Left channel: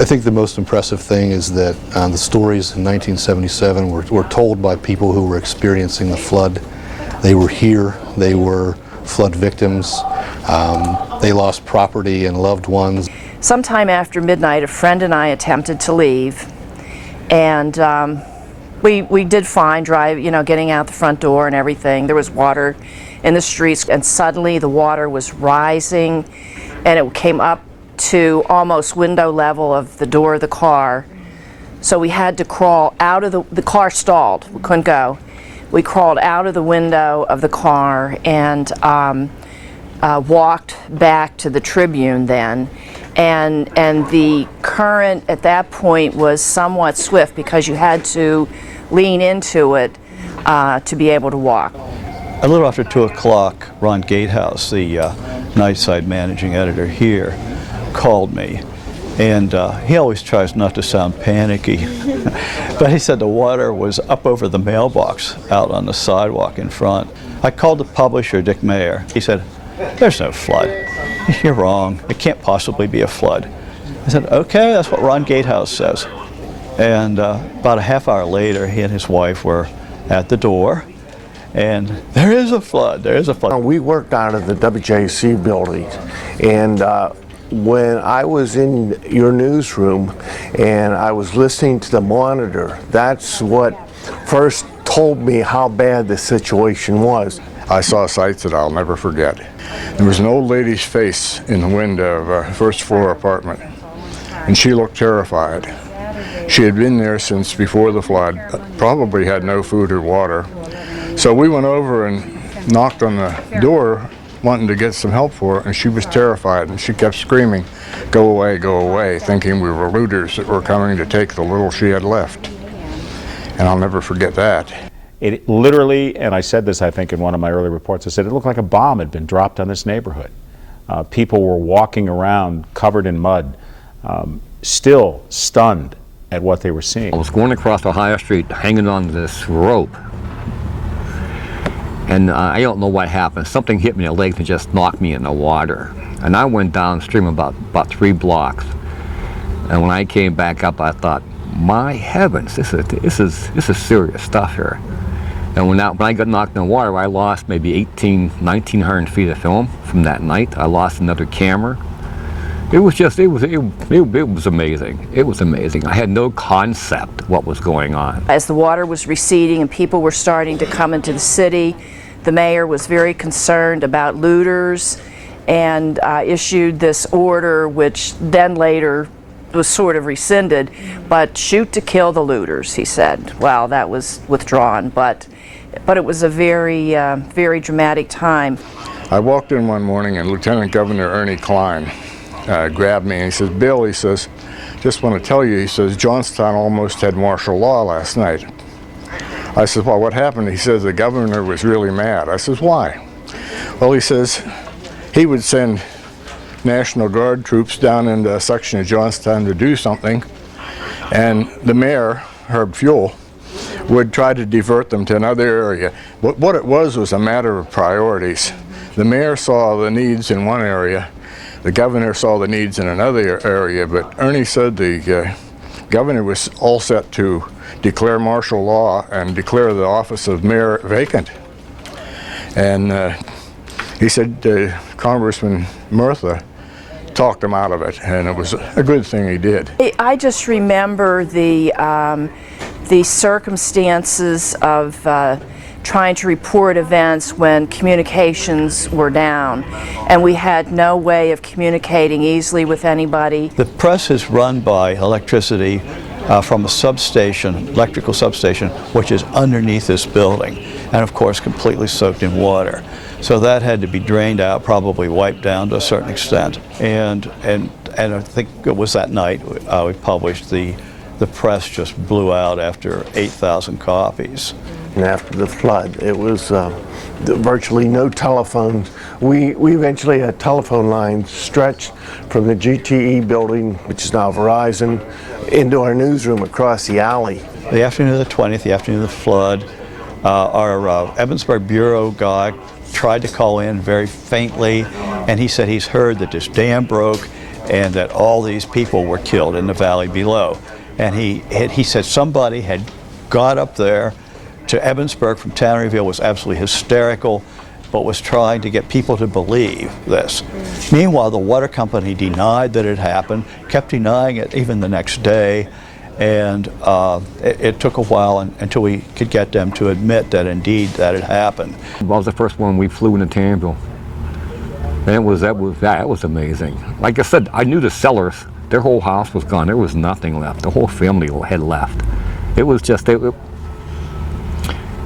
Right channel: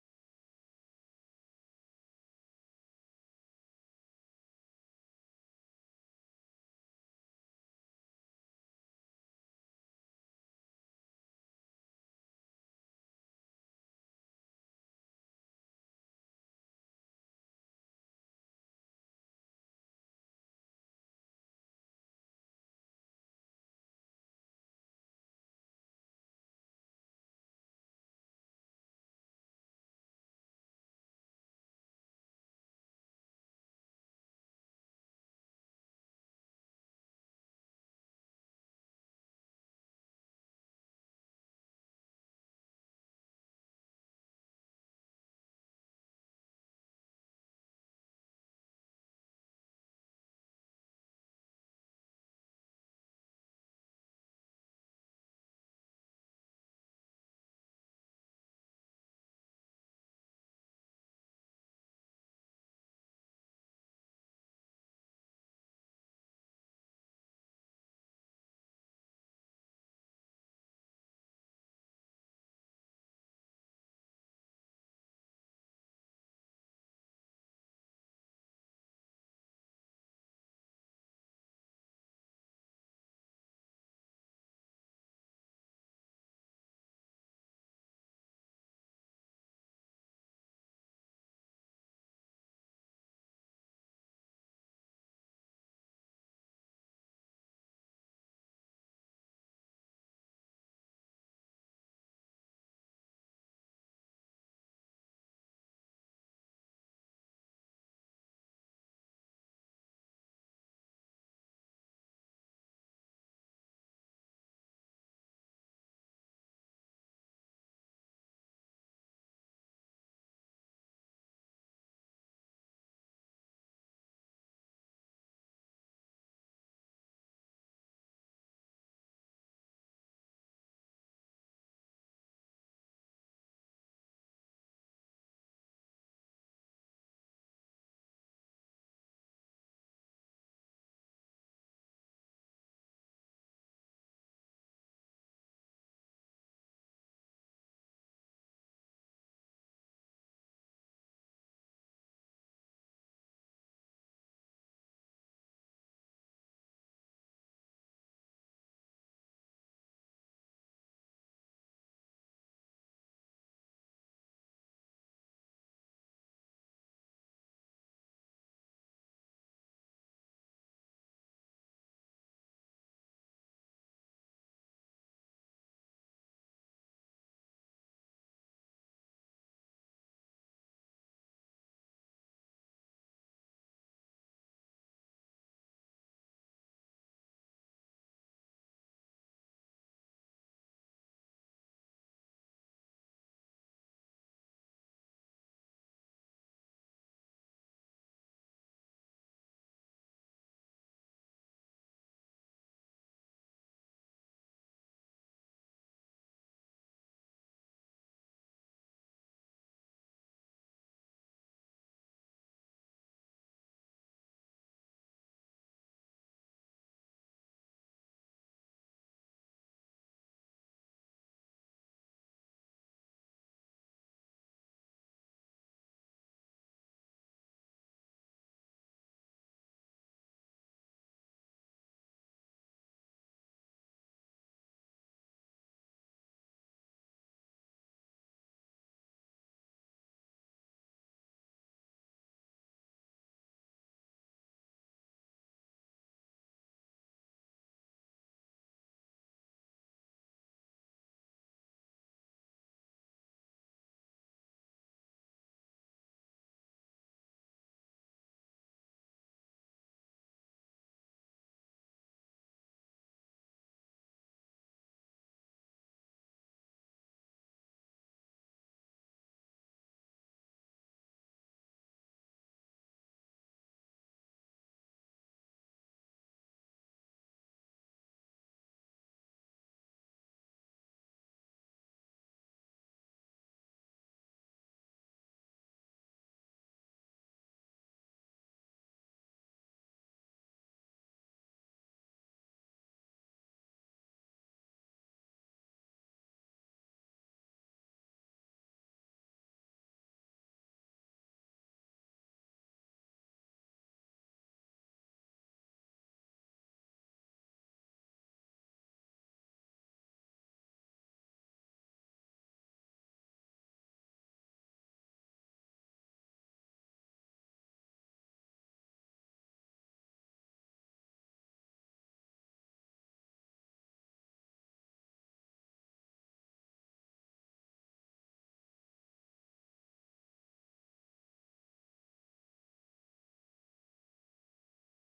I think the most impressive thing is that the stories in 1977 were told by people who were experiencing the flood. They were here, they were flood victims, they lost property and loved ones. Sometime after midnight, a friend and I attempted to leave, and we did fine, getting out the front door and everything. There was water in the streets, and suddenly the water was rising, and it came up to almost window level of the door of the car. So we had to crawl out of the car stalled. We couldn't go. We crawled out of the window of the car and walked back to the Tribune then. And the current at that point was somewhat swift because you had to lean into it to be able to walk. A little after 2 o'clock, Ron Gatehouse, the Nightside managing editor here, called me, and he always tries not to sound panicky, but he said the water was up over the mailbox out on the sidewalk in front. I called the publisher, Dick Mayer. He said, "There's no flood. You're wrong. It can't possibly be a flood." I said, "Okay, that's what Ron Gatehouse says." And about a half hour later, he and his wife were at the door, and there is a flood, there is a flood. We worked out of the WJC building, and when I was in your newsroom and I was listening to the monitor, that's what first told me how bad the situation was. I saw sights that I'll never forget. There was an old lady's face in the window of a first floor apartment, and she looked terrified. She had been there since before the flood, probably had no food or water. So we went over and knocked on the door wanting to get some help for her, and she was terrified, and she kept screaming, go away," thinking we were looters that were coming to take the little she had left. And I'll never forget that. It literally, and I said this I think in one of my early reports, I said it looked like a bomb had been dropped on this neighborhood. People were walking around covered in mud, still stunned at what they were seeing. I was going across Ohio Street hanging on this rope, and I don't know what happened. Something hit me in the legs and just knocked me in the water. And I went downstream about 3 blocks. And when I came back up, I thought, my heavens, this is serious stuff here. And when I got knocked in the water, I lost maybe 1,900 feet of film from that night. I lost another camera. It was amazing. It was amazing. I had no concept what was going on. As the water was receding and people were starting to come into the city, the mayor was very concerned about looters and issued this order, which then later was sort of rescinded, but shoot to kill the looters, he said. Well, that was withdrawn, but it was a very, very dramatic time. I walked in one morning and Lieutenant Governor Ernie Klein grabbed me and he says, "Bill," he says, "just want to tell you," he says, "Johnstown almost had martial law last night." I said, "Well, what happened?" He says, "The governor was really mad." I says, "Why?" Well, he says he would send National Guard troops down into a section of Johnstown to do something, and the mayor, Herb Fuel, would try to divert them to another area. But what it was a matter of priorities. The mayor saw the needs in one area, the governor saw the needs in another area, but Ernie said the governor was all set to declare martial law and declare the office of mayor vacant. And he said Congressman Murtha talked him out of it, and it was a good thing he did. I just remember the circumstances of trying to report events when communications were down, and we had no way of communicating easily with anybody. The press is run by electricity from a substation, electrical substation, which is underneath this building, and of course completely soaked in water. So that had to be drained out, probably wiped down to a certain extent. And I think it was that night we published the press just blew out after 8,000 copies. And after the flood, it was virtually no telephones. We eventually had telephone lines stretched from the GTE building, which is now Verizon, into our newsroom across the alley. The afternoon of the 20th, the afternoon of the flood, our Evansburg Bureau guy tried to call in very faintly, and he said he's heard that this dam broke and that all these people were killed in the valley below. And he said somebody had got up there to Ebensburg from Tanneryville, was absolutely hysterical, but was trying to get people to believe this. Meanwhile, the water company denied that it happened, kept denying it even the next day, and it took a while until we could get them to admit that indeed that had happened. I was the first one we flew into Tanneryville. And that was amazing. Like I said, I knew the sellers. Their whole house was gone. There was nothing left. The whole family had left. It was just, it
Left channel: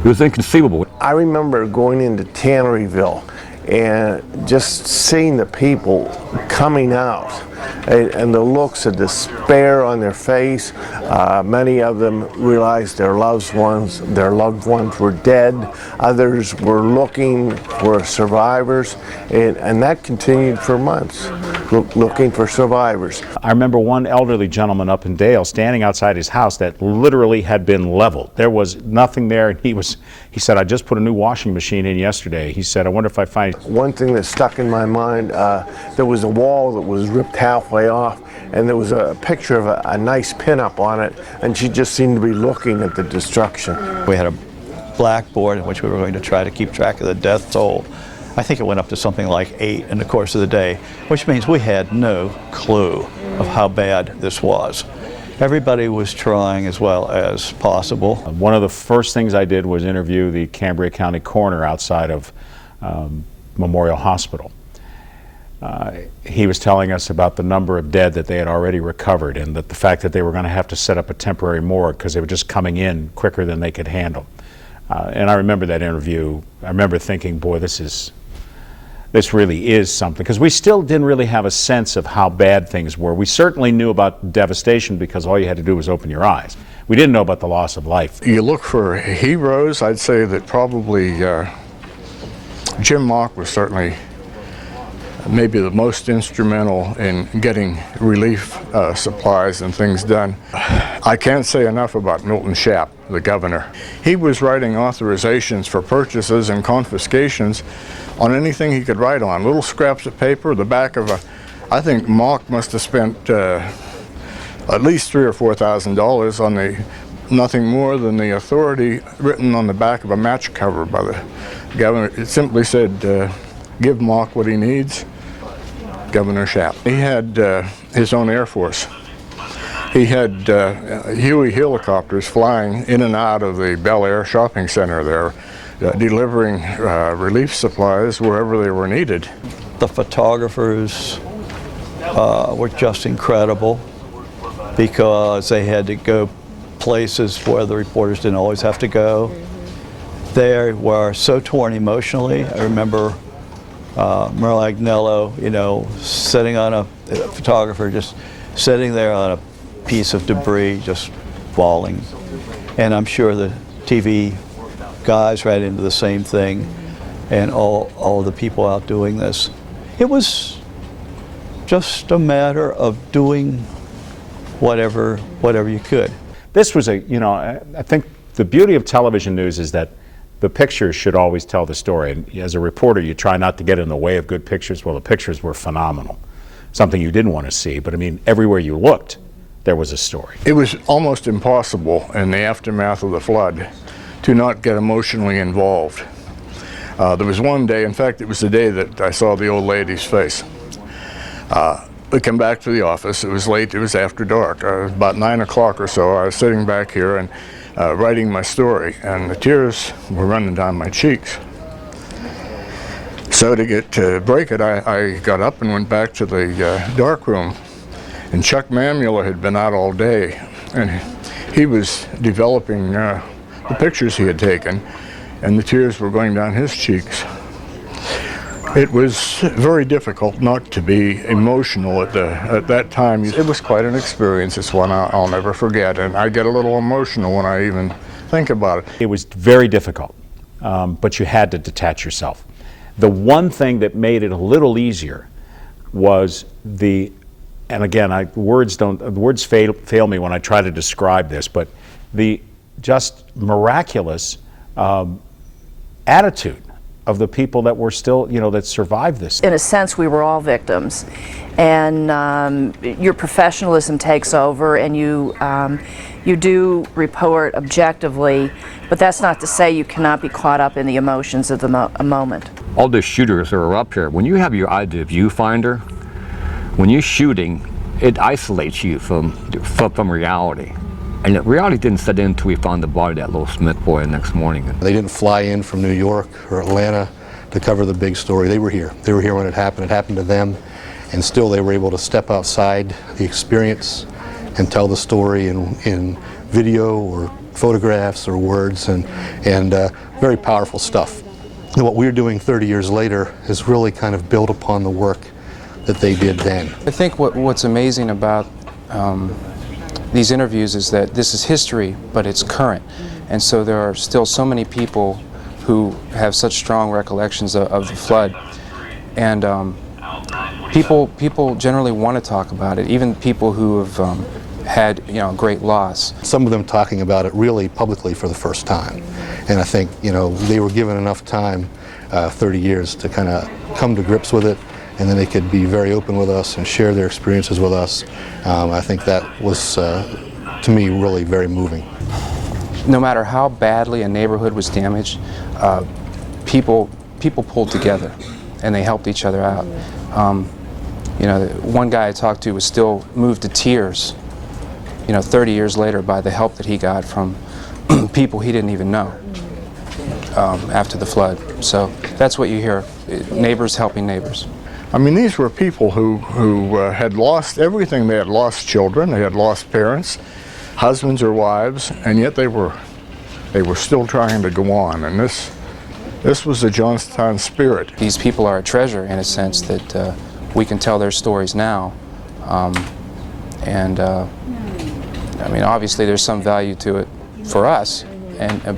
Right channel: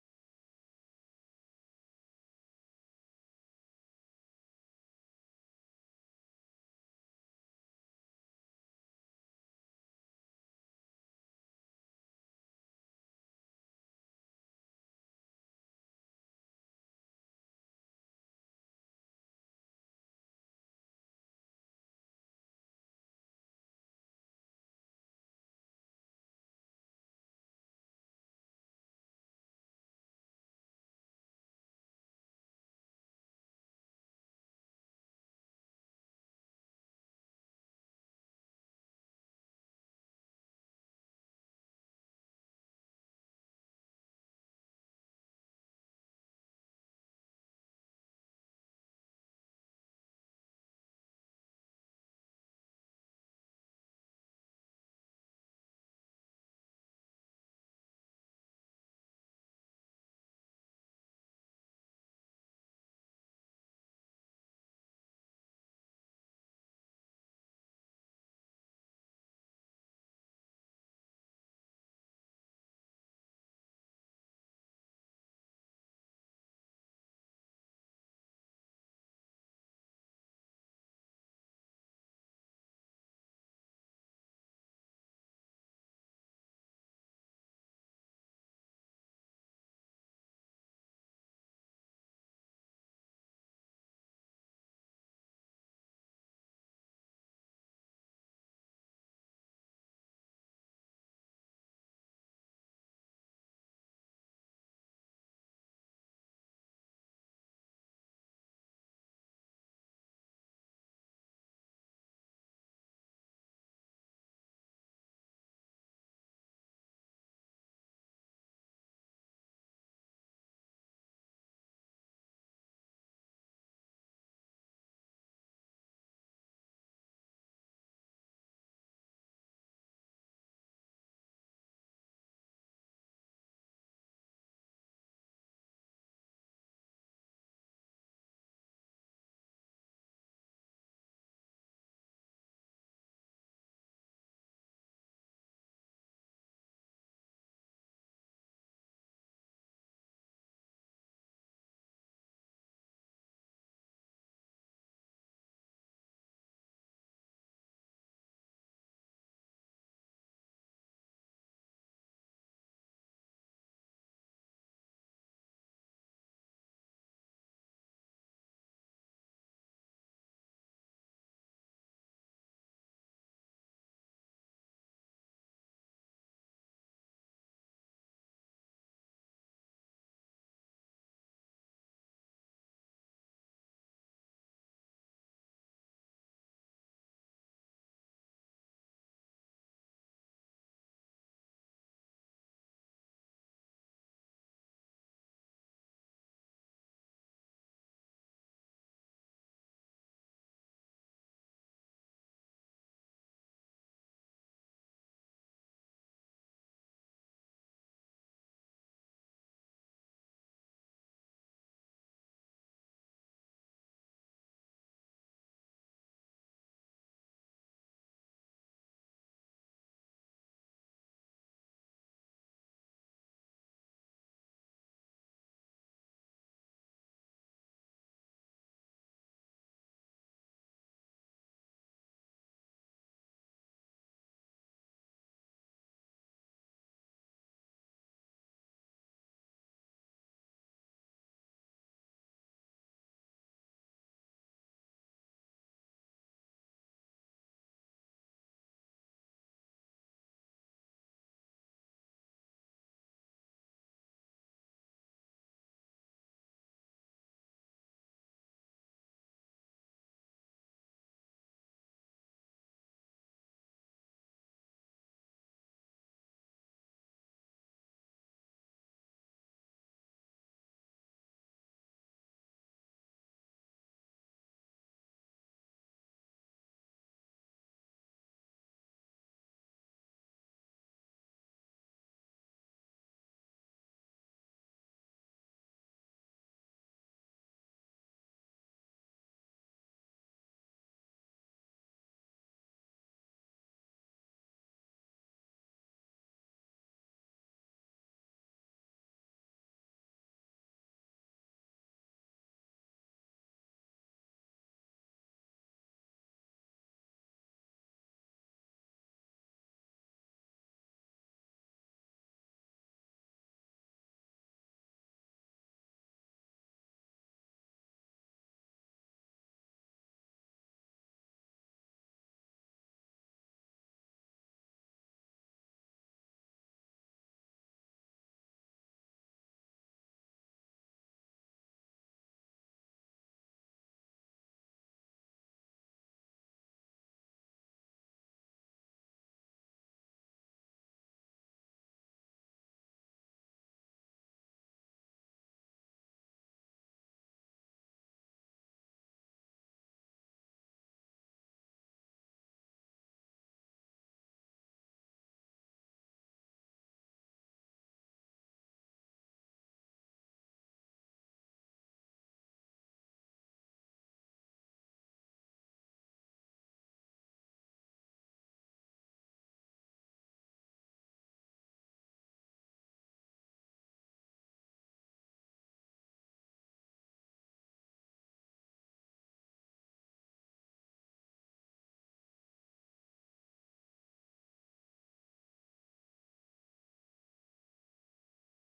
was inconceivable. I remember going into Tanneryville and just seeing the people coming out and the looks of despair on their face. Many of them realized their loved ones were dead. Others were looking for survivors, and that continued for months, looking for survivors. I remember one elderly gentleman up in Dale standing outside his house that literally had been leveled. There was nothing there, and he said, I just put a new washing machine in yesterday. He said, I wonder if I find... One thing that stuck in my mind, there was a wall that was ripped halfway off, and there was a picture of a nice pinup on it, and she just seemed to be looking at the destruction. We had a blackboard in which we were going to try to keep track of the death toll. I think it went up to something like 8 in the course of the day, which means we had no clue of how bad this was. Everybody was trying as well as possible. One of the first things I did was interview the Cambria County coroner outside of Memorial Hospital. He was telling us about the number of dead that they had already recovered, and that the fact that they were going to have to set up a temporary morgue because they were just coming in quicker than they could handle. And I remember that interview. I remember thinking, boy, this really is something, because we still didn't really have a sense of how bad things were. We certainly knew about devastation because all you had to do was open your eyes. We didn't know about the loss of life. You look for heroes. I'd say that probably Jim Mock was certainly maybe the most instrumental in getting relief supplies and things done. I can't say enough about Milton Shapp, the governor. He was writing authorizations for purchases and confiscations on anything he could write on. Little scraps of paper, the back of I think Mock must have spent at least $3,000 or $4,000 on nothing more than the authority written on the back of a match cover by the governor. It simply said, give Mock what he needs, Governor Shapp. He had his own Air Force. He had Huey helicopters flying in and out of the Bel Air shopping center there, delivering relief supplies wherever they were needed. The photographers were just incredible because they had to go places where the reporters didn't always have to go. They were so torn emotionally. I remember Merle Agnello, sitting on a photographer, just sitting there on a piece of debris, just falling. And I'm sure the TV guys ran into the same thing, and all the people out doing this. It was just a matter of doing whatever you could. This was I think the beauty of television news is that the pictures should always tell the story. And as a reporter, you try not to get in the way of good pictures. Well, the pictures were phenomenal. Something you didn't want to see, but I mean, everywhere you looked, there was a story. It was almost impossible in the aftermath of the flood to not get emotionally involved. There was one day, in fact, it was the day that I saw the old lady's face. We came back to the office. It was late. It was after dark. About 9 o'clock or so, I was sitting back here and writing my story, and the tears were running down my cheeks. So to break it, I got up and went back to the dark room. And Chuck Mamula had been out all day, and he was developing the pictures he had taken, and the tears were going down his cheeks. It was very difficult not to be emotional at that time. It was quite an experience. It's one I'll never forget, and I get a little emotional when I even think about it. It was very difficult, but you had to detach yourself. The one thing that made it a little easier was and again, words fail me when I try to describe this, but the just miraculous attitude of the people that were still, that survived this. In a sense, we were all victims, and your professionalism takes over, and you do report objectively, but that's not to say you cannot be caught up in the emotions of the moment. All the shooters that are up here, when you have your idea viewfinder, when you're shooting, it isolates you from reality. And reality didn't set in until we found the body of that little Smith boy the next morning. They didn't fly in from New York or Atlanta to cover the big story. They were here. They were here when it happened. It happened to them, and still they were able to step outside the experience and tell the story in video or photographs or words, and very powerful stuff. And what we're doing 30 years later is really kind of build upon the work that they did then. I think what's amazing about these interviews is that this is history, but it's current. And so there are still so many people who have such strong recollections of the flood. And people generally want to talk about it, even people who have had great loss. Some of them talking about it really publicly for the first time. And I think they were given enough time, 30 years, to kind of come to grips with it, and then they could be very open with us and share their experiences with us. I think that was, to me, really very moving. No matter how badly a neighborhood was damaged, people pulled together and they helped each other out. One guy I talked to was still moved to tears 30 years later by the help that he got from people he didn't even know after the flood. So that's what you hear, neighbors helping neighbors. I mean, these were people who had lost everything. They had lost children, they had lost parents, husbands or wives, and yet they were still trying to go on. And this was the Johnstown spirit. These people are a treasure in a sense that we can tell their stories now. I mean, obviously there's some value to it for us,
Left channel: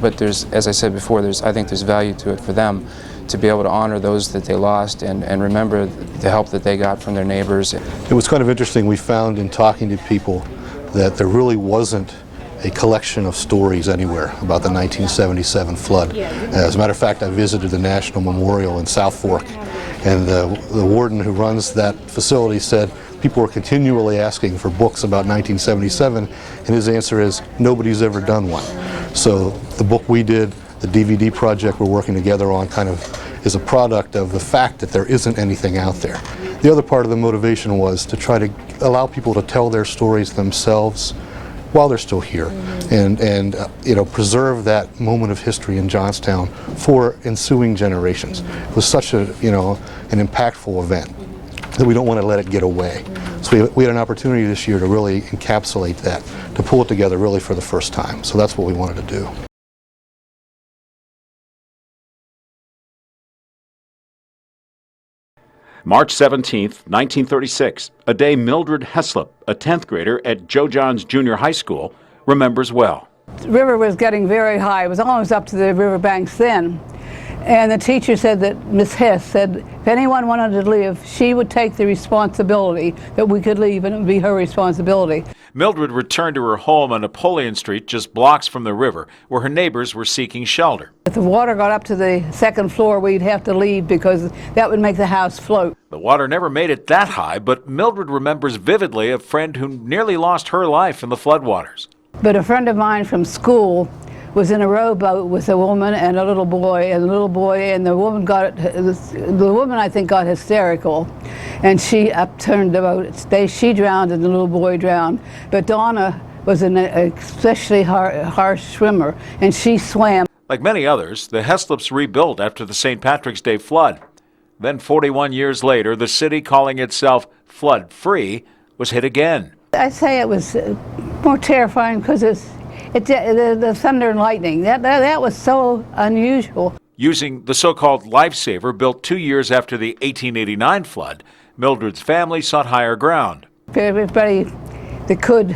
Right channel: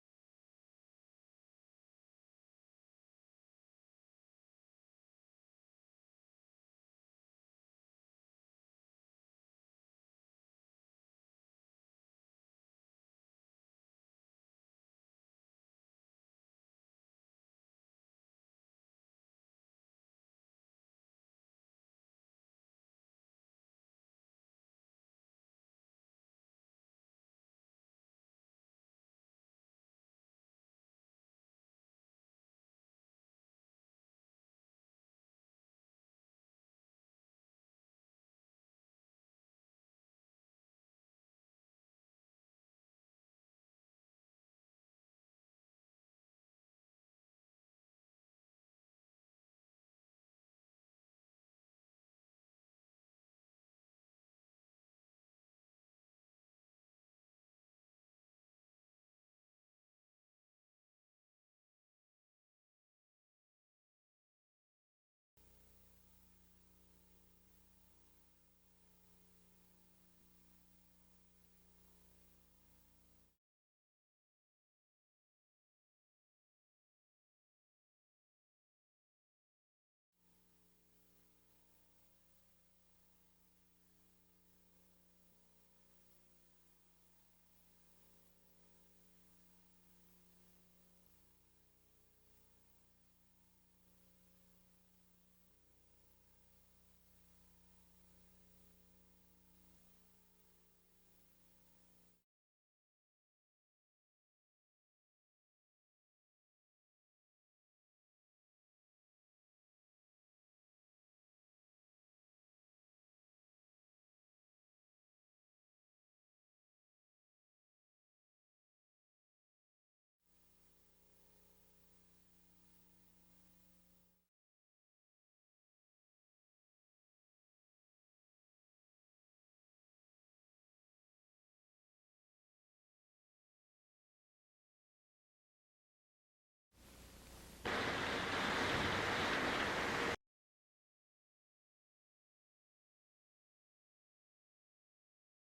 but there's, as I said before, I think there's value to it for them to be able to honor those that they lost and remember the help that they got from their neighbors. It was kind of interesting. We found in talking to people that there really wasn't a collection of stories anywhere about the 1977 flood. As a matter of fact, I visited the National Memorial in South Fork, and the warden who runs that facility said people were continually asking for books about 1977, and his answer is nobody's ever done one. So the book we did, the DVD project we're working together on, kind of is a product of the fact that there isn't anything out there. The other part of the motivation was to try to allow people to tell their stories themselves while they're still here, and preserve that moment of history in Johnstown for ensuing generations. It was such a an impactful event that we don't want to let it get away. So we had an opportunity this year to really encapsulate that, to pull it together really for the first time. So that's what we wanted to do. March 17th, 1936, a day Mildred Heslop, a 10th grader at Joe Johns Junior High School, remembers well. The river was getting very high. It was almost up to the river banks then. And the teacher said that, Miss Hess said, if anyone wanted to leave, she would take the responsibility that we could leave, and it would be her responsibility. Mildred returned to her home on Napoleon Street, just blocks from the river, where her neighbors were seeking shelter. If the water got up to the second floor, we'd have to leave because that would make the house float. The water never made it that high, but Mildred remembers vividly a friend who nearly lost her life in the floodwaters. But a friend of mine from school was in a rowboat with a woman and a little boy, and the woman I think got hysterical, and she upturned the boat. She drowned and the little boy drowned. But Donna was an especially harsh swimmer, and she swam. Like many others, the Heslops rebuilt after the St. Patrick's Day flood. Then 41 years later, the city, calling itself flood-free, was hit again. I say it was more terrifying because the thunder and lightning, that was so unusual. Using the so-called lifesaver built 2 years after the 1889 flood, Mildred's family sought higher ground. Everybody that could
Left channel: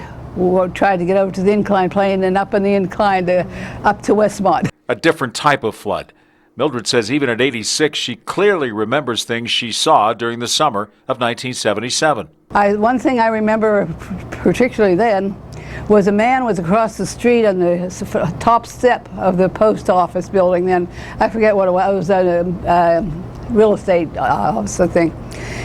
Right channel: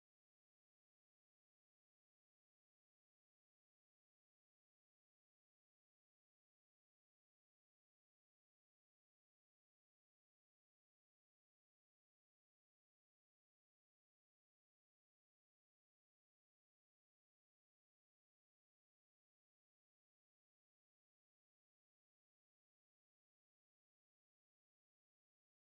tried to get over to the incline plane and up on the incline up to Westmont. A different type of flood. Mildred says even at 86, she clearly remembers things she saw during the summer of 1977. One thing I remember particularly then was a man was across the street on the top step of the post office building. Then I forget what it was. It was a real estate office, I think.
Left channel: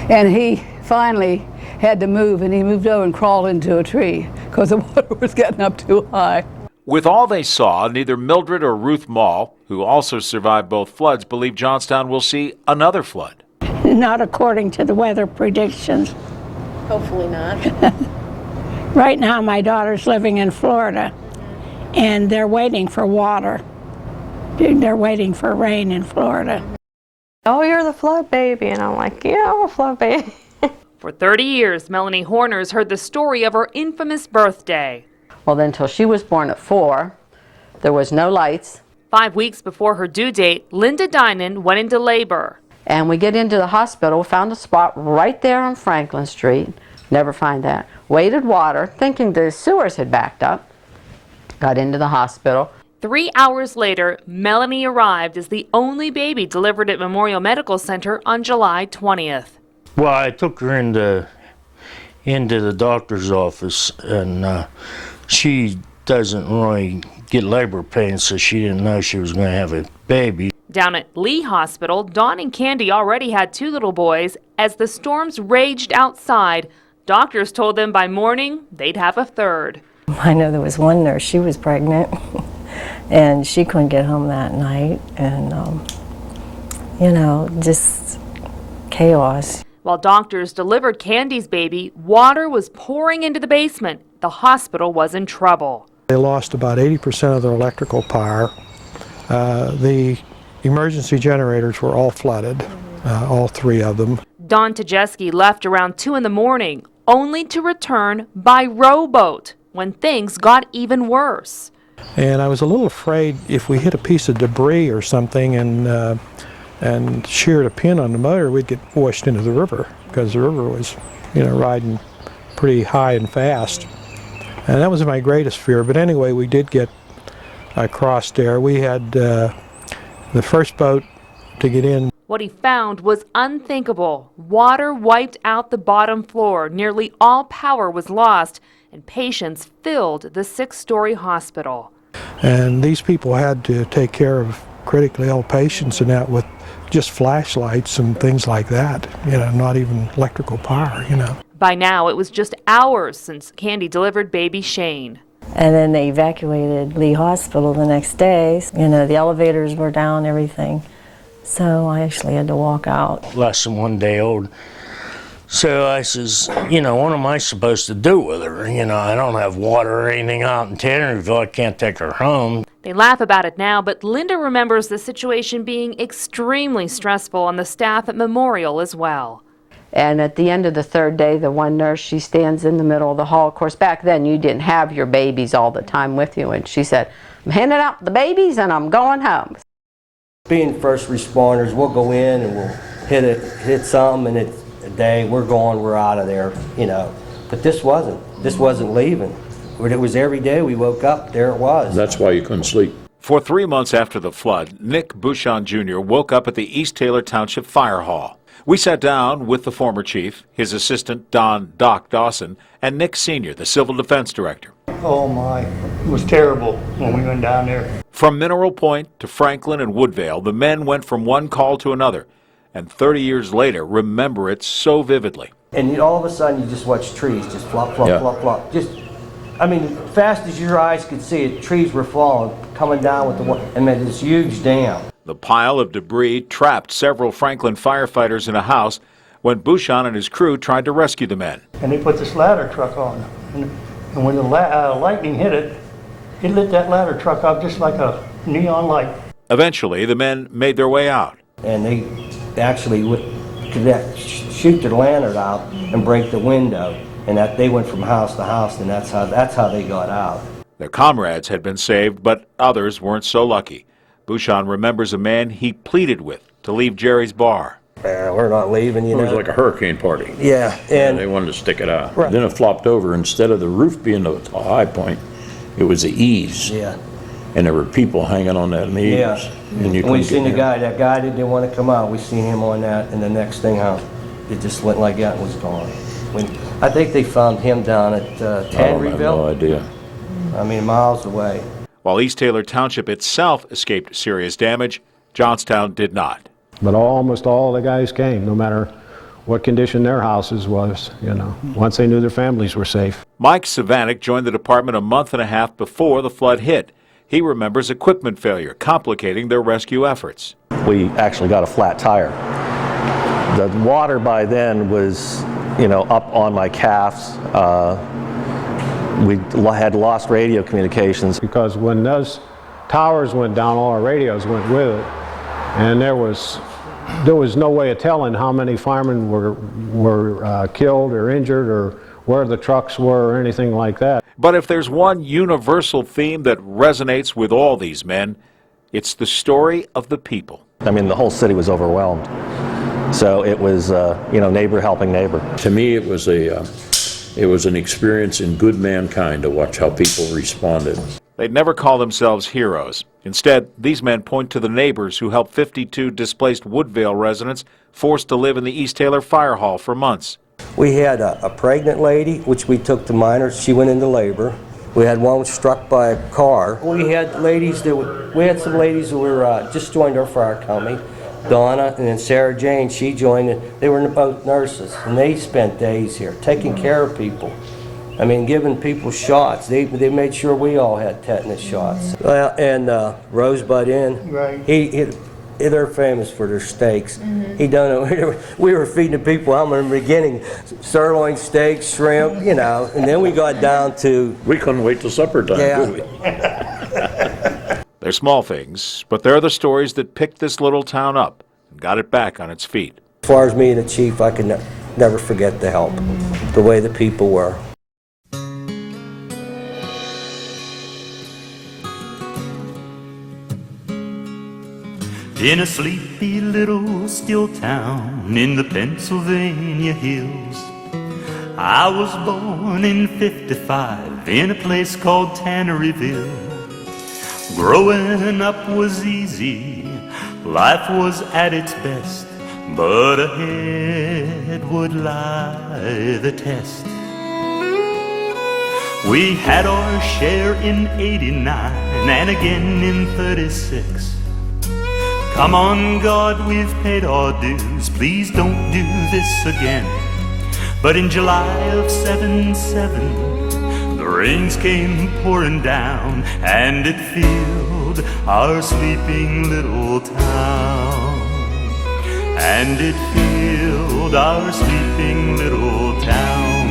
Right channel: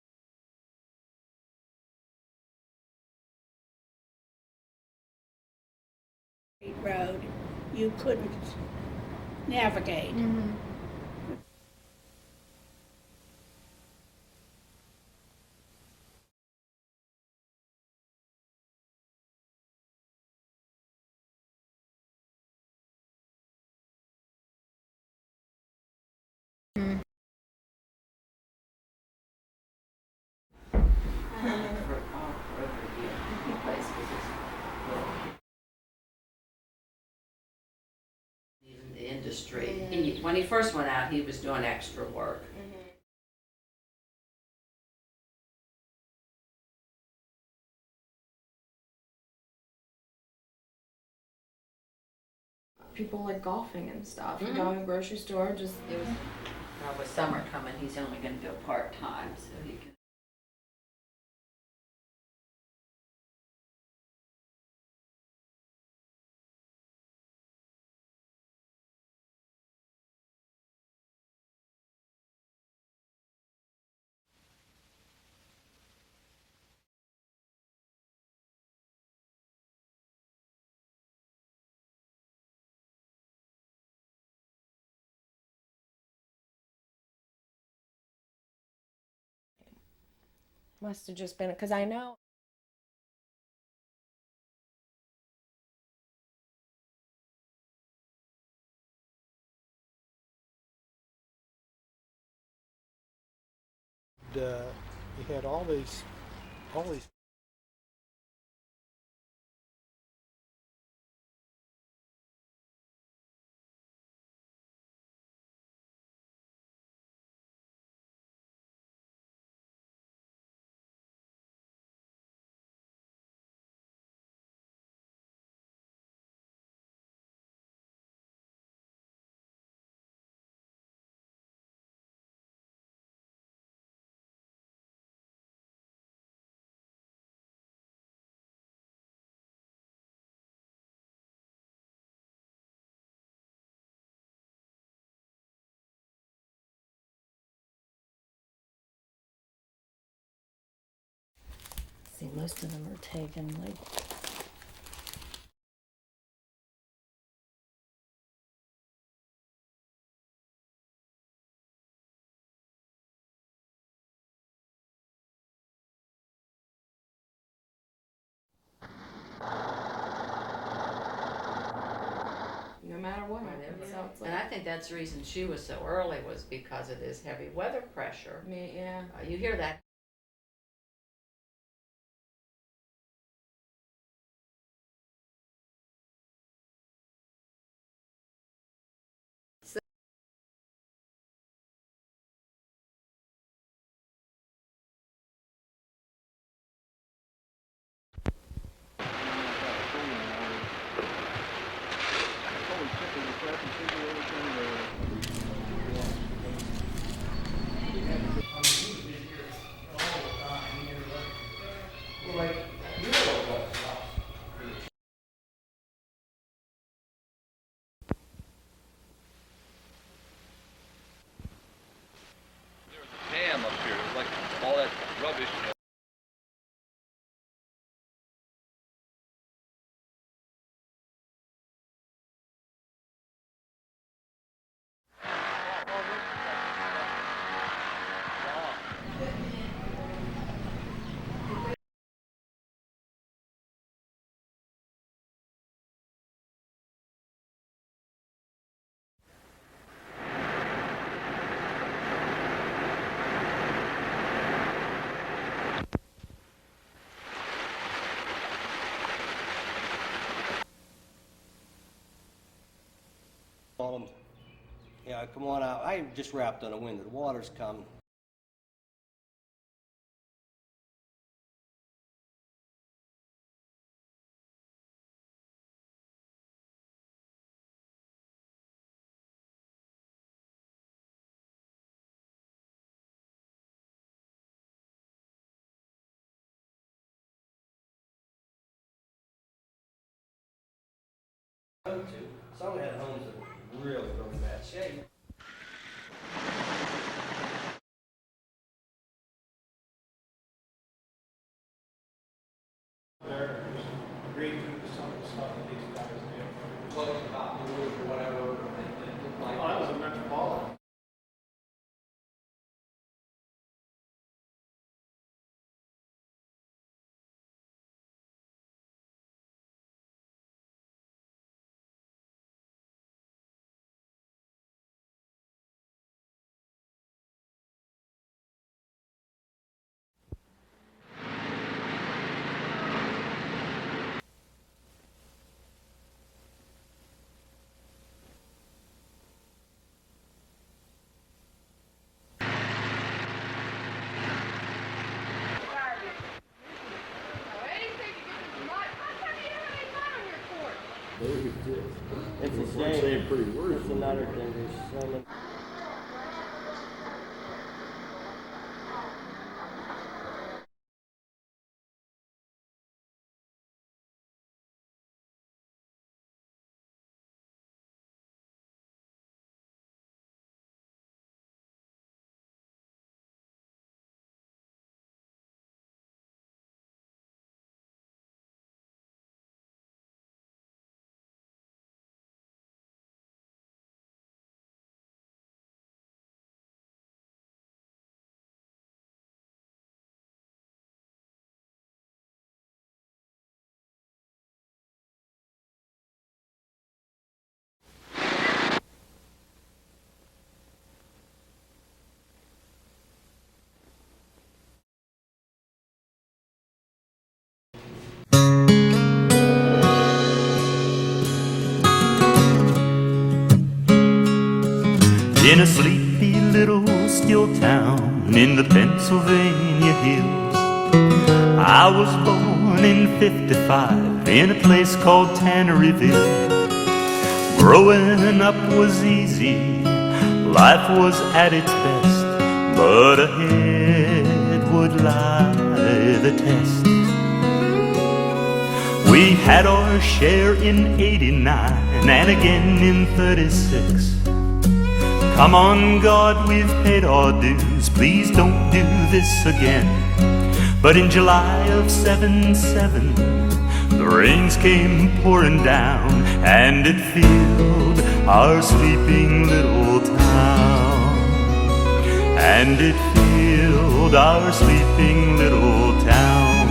And he finally had to move, and he moved over and crawled into a tree because the water was getting up too high. With all they saw, neither Mildred or Ruth Mall, who also survived both floods, believe Johnstown will see another flood. Not according to the weather predictions. Hopefully not. Right now, my daughter's living in Florida, and they're waiting for water. They're waiting for rain in Florida. Oh, you're the flood baby. And I'm like, yeah, I'm a flood baby. For 30 years, Melanie Horner's heard the story of her infamous birthday. Well, then until she was born at 4, there was no lights. 5 weeks before her due date, Linda Dinan went into labor. And we get into the hospital, found a spot right there on Franklin Street. Never find that. Waited water, thinking the sewers had backed up. Got into the hospital. 3 hours later, Melanie arrived as the only baby delivered at Memorial Medical Center on July 20th. Well, I took her into the doctor's office, and she doesn't really get labor pains, so she didn't know she was going to have a baby. Down at Lee Hospital, Dawn and Candy already had 2 little boys. As the storms raged outside, doctors told them by morning they'd have a 3rd. I know there was one nurse, she was pregnant, and she couldn't get home that night, and, you know, just chaos. While doctors delivered Candy's baby, water was pouring into the basement. The hospital was in trouble. They lost about 80% of their electrical power. The emergency generators were all flooded, all 3 of them. Don Tajeski left around 2 in the morning, only to return by rowboat when things got even worse. And I was a little afraid if we hit a piece of debris or something and sheared a pin on the motor, we'd get washed into the river, because the river was, you know, riding pretty high and fast. And that was my greatest fear. But anyway, we did get across there. We had the first boat to get in. What he found was unthinkable. Water wiped out the bottom floor. Nearly all power was lost, and patients filled the 6-story hospital. And these people had to take care of critically ill patients and that with just flashlights and things like that, you know, not even electrical power, you know. By now, it was just hours since Candy delivered baby Shane. And then they evacuated Lee Hospital the next day. You know, the elevators were down, everything. So I actually had to walk out. Less than 1 day old. So I says, you know, what am I supposed to do with her? You know, I don't have water or anything out in Tannerville. I can't take her home. They laugh about it now, but Linda remembers the situation being extremely stressful on the staff at Memorial as well. And at the end of the 3rd day, the one nurse, she stands in the middle of the hall. Of course, back then you didn't have your babies all the time with you. And she said, I'm handing out the babies and I'm going home. Being first responders, we'll go in and we'll hit something, and it's a day, we're gone, we're out of there, you know. But this wasn't leaving. It was every day we woke up, there it was. That's why you couldn't sleep. For 3 months after the flood, Nick Bouchon Jr. woke up at the East Taylor Township Fire Hall. We sat down with the former chief, his assistant Don Doc Dawson, and Nick Sr., the Civil Defense Director. Oh my, it was terrible when we went down there. From Mineral Point to Franklin and Woodvale, the men went from one call to another, and 30 years later remember it so vividly. And all of a sudden you just watch trees just flop, flop, flop, flop. Just, I mean, fast as your eyes could see it, trees were falling, coming down with the water, and made this huge dam. The pile of debris trapped several Franklin firefighters in a house when Bouchon and his crew tried to rescue the men. And they put this ladder truck on. And when the lightning hit it, it lit that ladder truck up just like a neon light. Eventually, the men made their way out. And they actually would shoot the lantern out and break the window. And that they went from house to house, and that's how they got out. Their comrades had been saved, but others weren't so lucky. Bouchon remembers a man he pleaded with to leave Jerry's bar. We're not leaving, you know. It was like a hurricane party. Yeah. And they wanted to stick it out. Right. Then it flopped over. Instead of the roof being the high point, it was the eaves. Yeah. And there were people hanging on that eaves. Yeah. And we seen the guy, that guy that didn't want to come out, we seen him on that, and the next thing out, it just went like that and was gone. I think they found him down at Tannerville. I have no idea. I mean, miles away. While East Taylor Township itself escaped serious damage, Johnstown did not. But almost all the guys came, no matter what condition their houses was, once they knew their families were safe. Mike Savanek joined the department a month and a half before the flood hit. He remembers equipment failure complicating their rescue efforts. We actually got a flat tire. The water by then was, up on my calves. We had lost radio communications. Because when those towers went down, all our radios went with it. And there was no way of telling how many firemen were killed or injured or where the trucks were or anything like that. But if there's one universal theme that resonates with all these men, it's the story of the people. I mean, the whole city was overwhelmed. So it was, neighbor helping neighbor. To me, it was an experience in good mankind to watch how people responded. They'd never call themselves heroes. Instead, these men point to the neighbors who helped 52 displaced Woodvale residents forced to live in the East Taylor Fire Hall for months. We had a pregnant lady, which we took to minors. She went into labor. We had one struck by a car. We had some ladies who were just joined our fire company. Donna and then Sarah Jane, she joined it. They were both nurses, and they spent days here taking care of people. I mean, giving people shots. They made sure we all had tetanus shots. Well, and Rosebud Inn, right. They're famous for their steaks. He done it. We were feeding the people. I remember in the beginning, sirloin steaks, shrimp, and then we got down to. We couldn't wait till supper time, yeah. did we? They're small things, but they're the stories that picked this little town up and got it back on its feet. As far as me and the chief, I can never forget the help, the way the people were. In a sleepy little steel town in the Pennsylvania hills, I was born in '55 in a place called Tanneryville. Growing up was easy, life was at its best, but ahead would lie the test. We had our share in '89 and again in '36. Come on, God, we've paid our dues, please don't do this again. But in July of '77, the rains came pouring down, and it filled our sleeping little town. And it filled our sleeping little town.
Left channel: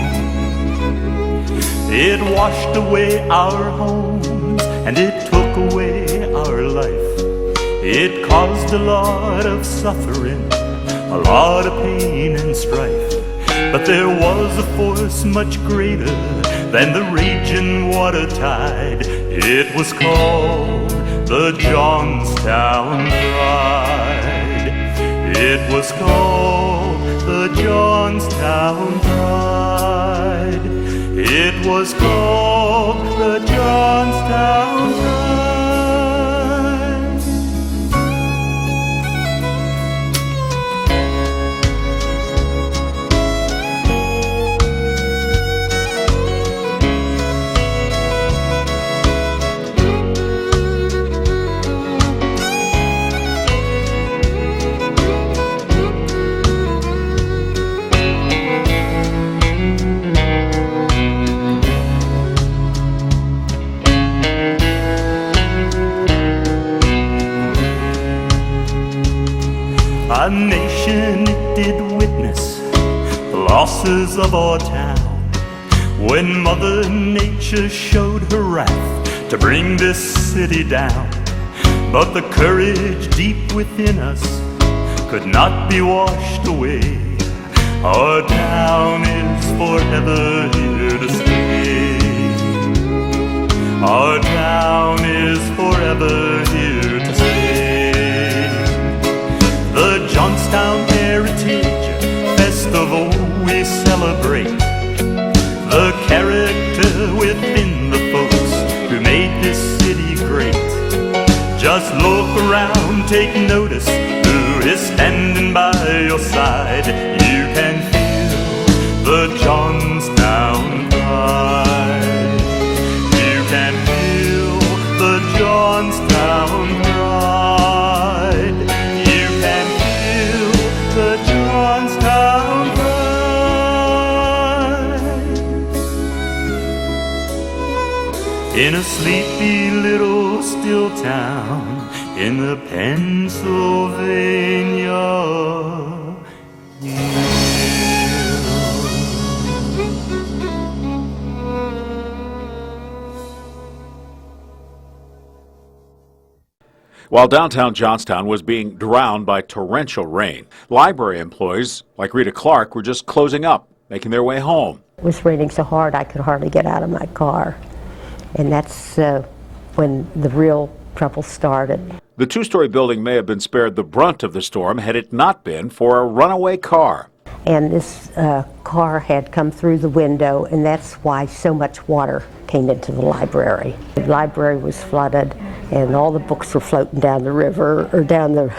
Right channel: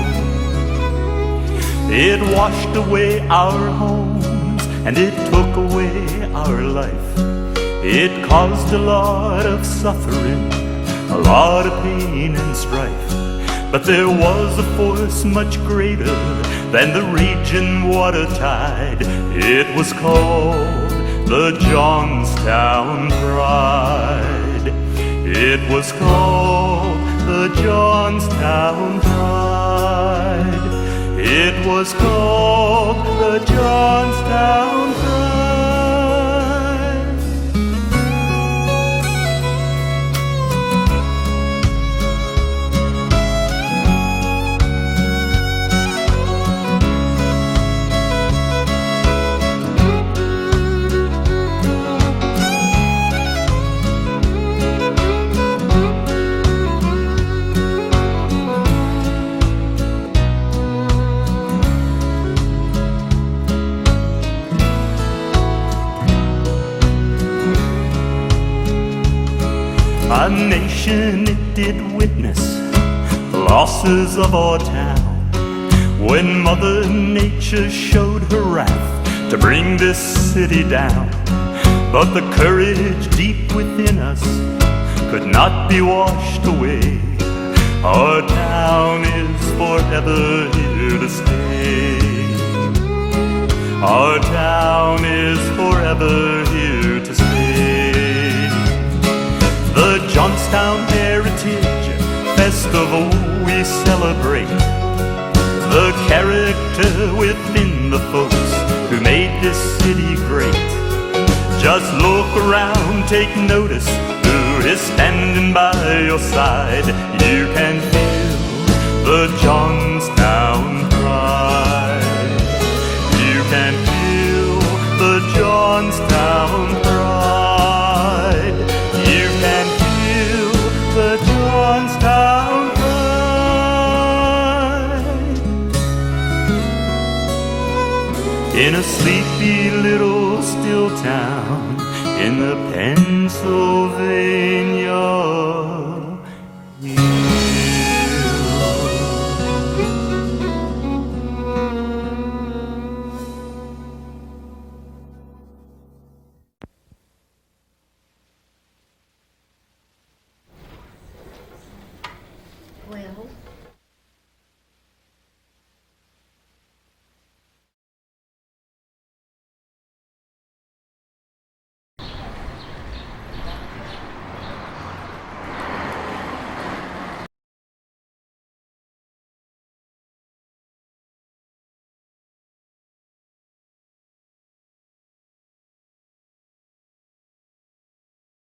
It washed away our homes, and it took away our life. It caused a lot of suffering, a lot of pain and strife. But there was a force much greater than the raging water tide. It was called the Johnstown Pride. It was called the Johnstown Pride. It was called the Johnstown Pride. A nation, it did witness the losses of our town when Mother Nature showed her wrath to bring this city down. But the courage deep within us could not be washed away. Our town is forever here to stay. Our town is forever here to stay. The Johnstown Heritage Festival we celebrate, the character within the folks who made this city great. Just look around, take notice who is standing by your side. You can feel the Johnstown pride. You can feel the Johnstown pride. You can feel the Johnstown pride. In a sleepy little still town in the Pennsylvania While downtown Johnstown was being drowned by torrential rain, library employees like Rita Clark were just closing up, making their way home. It was raining so hard I could hardly get out of my car. And that's when the real trouble started. The two-story building may have been spared the brunt of the storm had it not been for a runaway car. And this car had come through the window, and that's why so much water came into the library. The library was flooded, and all the books were floating down the river or down the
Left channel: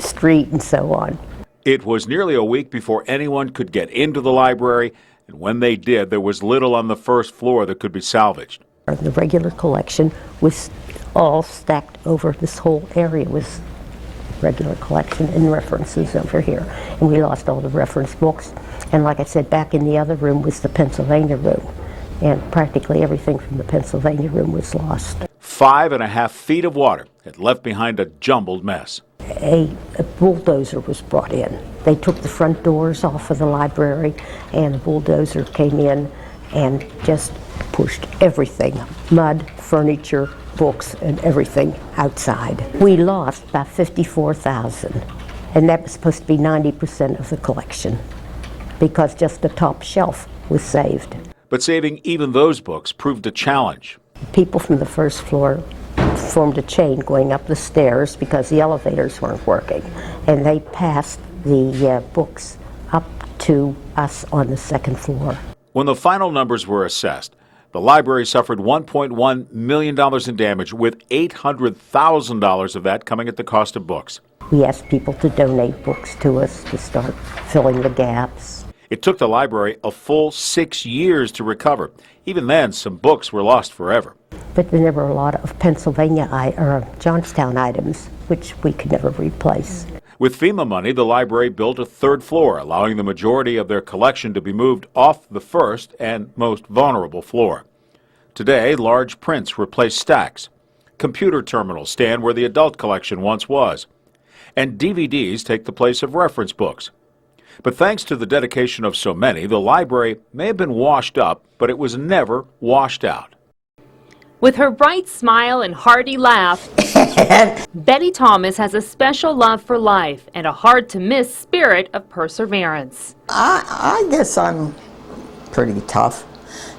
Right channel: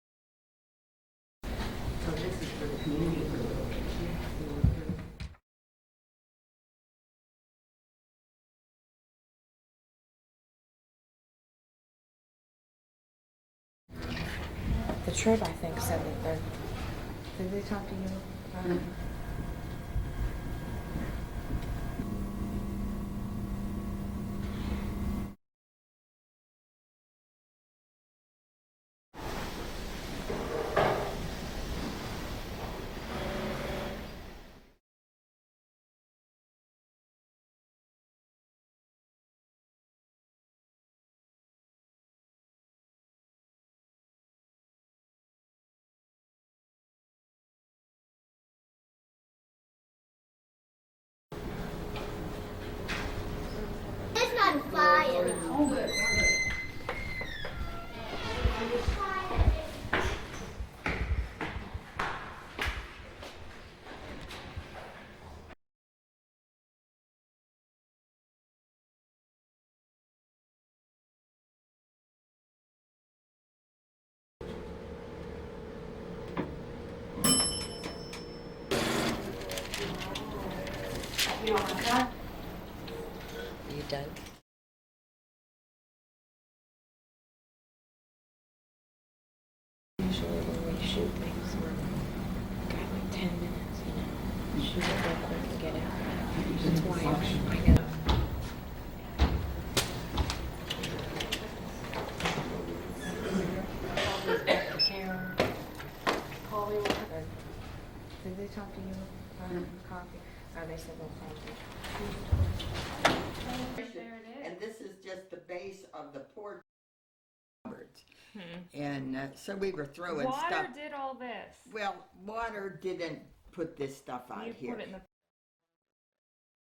street and so on. It was nearly a week before anyone could get into the library, and when they did, there was little on the first floor that could be salvaged. The regular collection was all stacked over this whole area. Was regular collection and references over here, and we lost all the reference books. And like I said, back in the other room was the Pennsylvania room, and practically everything from the Pennsylvania room was lost. 5.5 feet of water had left behind a jumbled mess. A bulldozer was brought in. They took the front doors off of the library, and a bulldozer came in and just pushed everything, mud, furniture, books, and everything outside. We lost about $54,000, and that was supposed to be 90% of the collection, because just the top shelf was saved. But saving even those books proved a challenge. People from the first floor formed a chain going up the stairs because the elevators weren't working, and they passed the books up to us on the second floor. When the final numbers were assessed, the library suffered $1.1 million in damage, with $800,000 of that coming at the cost of books. We asked people to donate books to us to start filling the gaps. It took the library a full 6 years to recover. Even then, some books were lost forever. But then there were a lot of Johnstown items, which we could never replace. With FEMA money, the library built a third floor, allowing the majority of their collection to be moved off the first and most vulnerable floor. Today, large prints replace stacks. Computer terminals stand where the adult collection once was. And DVDs take the place of reference books. But thanks to the dedication of so many, the library may have been washed up, but it was never washed out. With her bright smile and hearty laugh, Betty Thomas has a special love for life and a hard-to-miss spirit of perseverance. I guess I'm pretty tough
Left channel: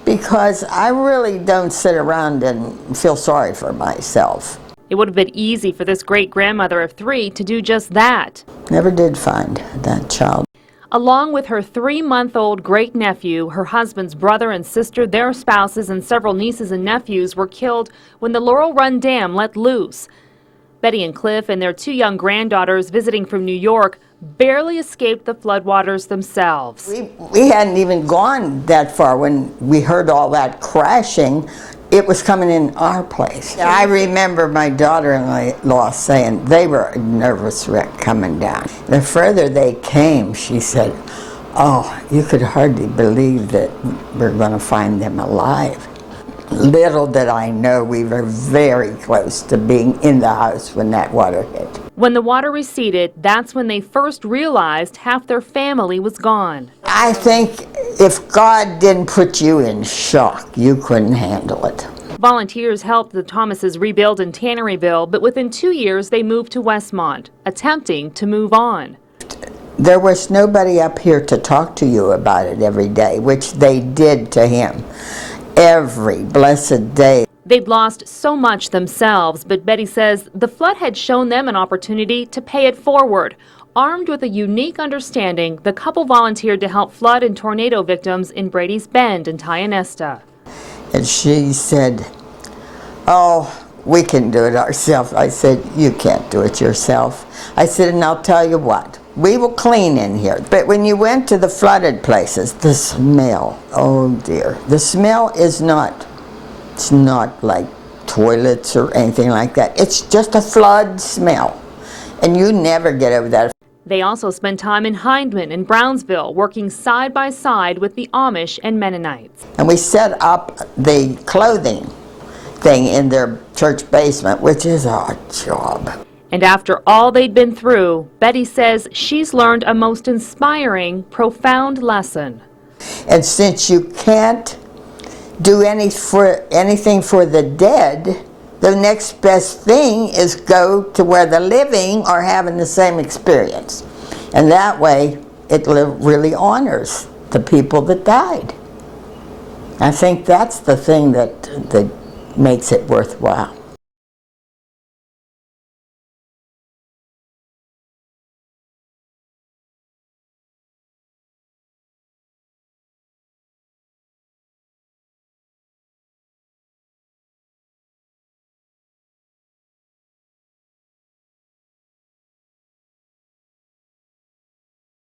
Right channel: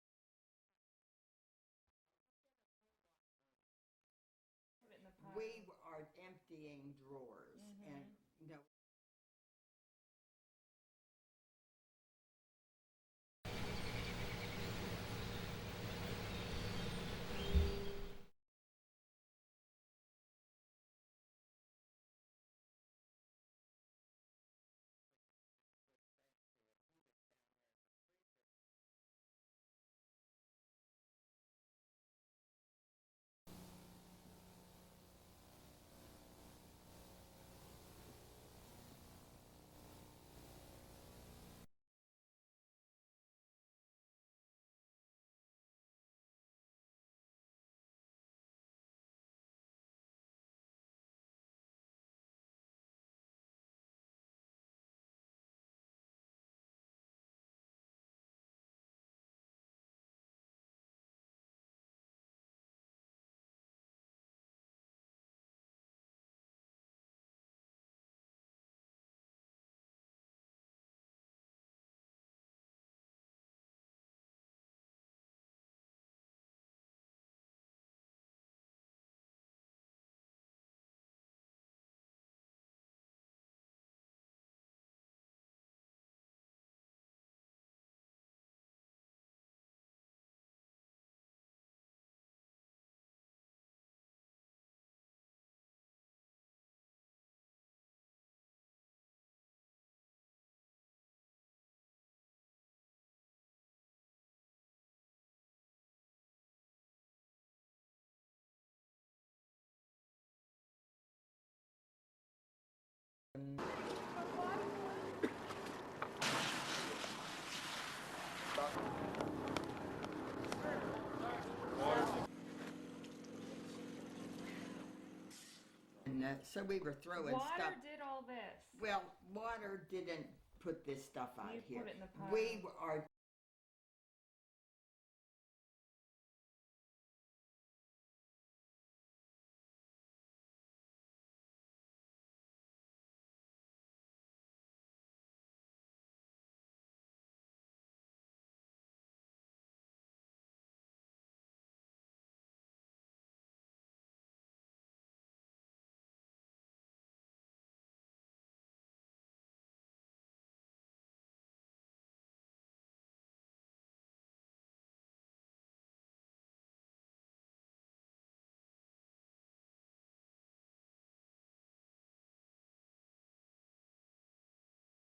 because I really don't sit around and feel sorry for myself. It would have been easy for this great-grandmother of 3 to do just that. Never did find that child. Along with her 3-month-old great-nephew, her husband's brother and sister, their spouses, and several nieces and nephews were killed when the Laurel Run Dam let loose. Betty and Cliff and their 2 young granddaughters visiting from New York barely escaped the floodwaters themselves. We hadn't even gone that far when we heard all that crashing. It was coming in our place. I remember my daughter-in-law saying they were a nervous wreck coming down. The further they came, she said, oh, you could hardly believe that we're going to find them alive. Little did I know we were very close to being in the house when that water hit. When the water receded, that's when they first realized half their family was gone. I think if God didn't put you in shock, you couldn't handle it. Volunteers helped the Thomases rebuild in Tanneryville, but within 2 years they moved to Westmont, attempting to move on. There was nobody up here to talk to you about it every day, which they did to him every blessed day. They'd lost so much themselves, but Betty says the flood had shown them an opportunity to pay it forward. Armed with a unique understanding, the couple volunteered to help flood and tornado victims in Brady's Bend and Tionesta. And she said, oh, we can do it ourselves. I said, you can't do it yourself. I said, and I'll tell you what, we will clean in here. But when you went to the flooded places, the smell, oh dear, the smell is not It's not like toilets or anything like that. It's just a flood smell, and you never get over that. They also spend time in Hindman and Brownsville, working side by side with the Amish and Mennonites. And we set up the clothing thing in their church basement, which is our job. And after all they'd been through, Betty says she's learned a most inspiring, profound lesson. And since you can't do anything for the dead, the next best thing is go to where the living are having the same experience. And that way, it really honors the people that died. I think that's the thing that makes it worthwhile.